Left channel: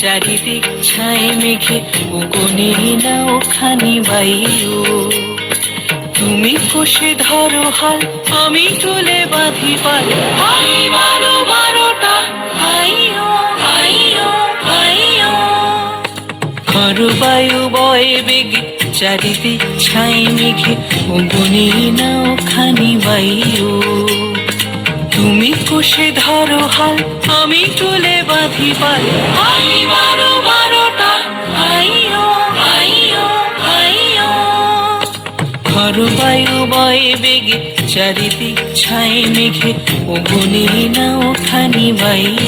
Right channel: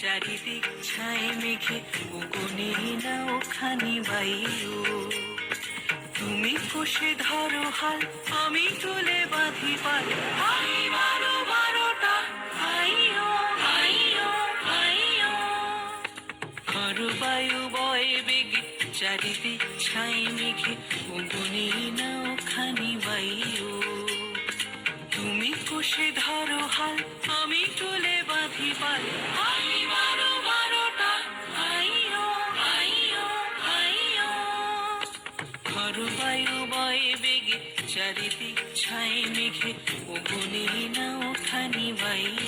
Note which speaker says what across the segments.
Speaker 1: চারিদিক ছাই মেঘে উগনে নাও খানি বাইও তুমি কষে ধরো হাল, আমি তুলে বাঁধি পাল। খর বায়ু বয়ে বেগে, চারিদিক ছাই মেঘে উগনে নাও খানি বাইও তুমি কষে ধরো হাল আমি চলে বাঁধি পারে হাই বারো বারোটা হাইও হাইও হাইও খর বায়ু বয়ে বেগে, চারিদিক ছাই মেঘে ওগুনে না ওখানি বাইও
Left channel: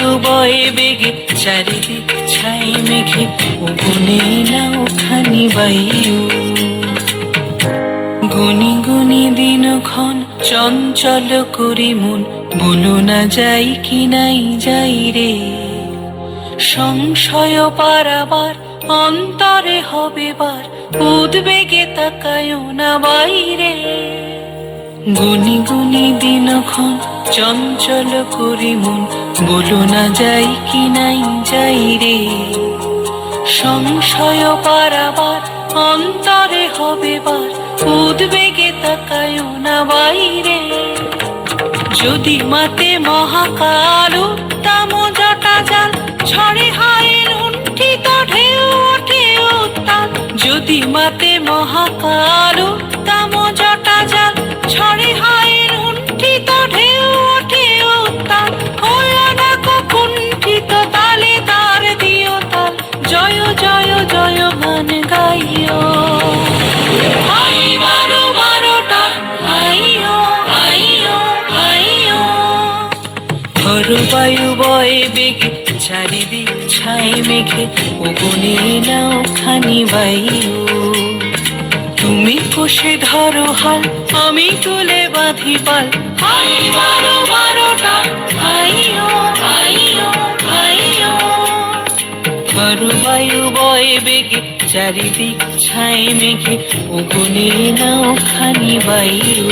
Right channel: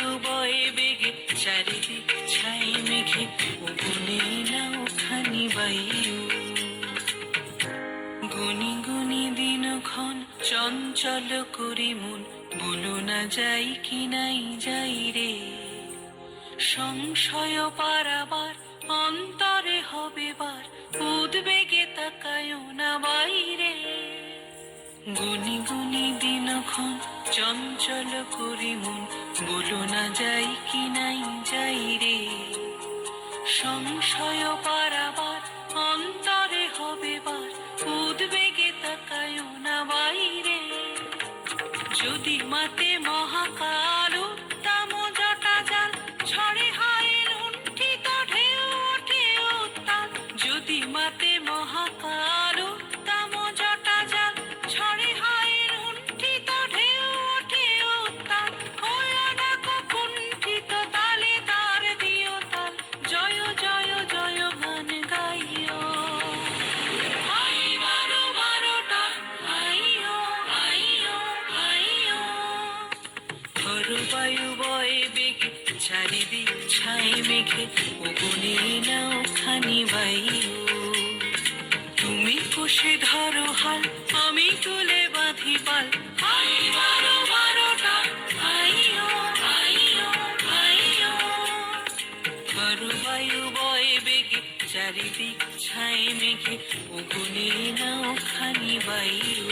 Speaker 1: বায়ু বেগে চারিদিক ছাই মেঘে উগুনে নাও খানি বায়ু। গুনি গুনি দিন ক্ষণ চঞ্চল করি মন, বলো না যাই কি নাই যাই রে। সংশয় পারাবার অন্তরে হবে বার, উদ্বেগে তাকায় না বাইরে। গুনি গুনি দিনক্ষণ চঞ্চল করি মন, বলো না যাই কি নাই, যাই রে। সংশয় পারাবার অন্তরে হবে বার, উদ্বেগে তাকায় না বাইরে। যদি মাতে মহাকাল ঘর বায়ু বয়ে বেগে, চারিদিক ছাই মেঘে, ওগুনে নাও খানি বাইও তুমি কষে ধরো হাল, আমি তুলে বাঁধি পাল। হাই বারো বায়ু বয়ে বেগে, চারিদিক ছাই মেঘে, ওগুনে নাও খানি বাইও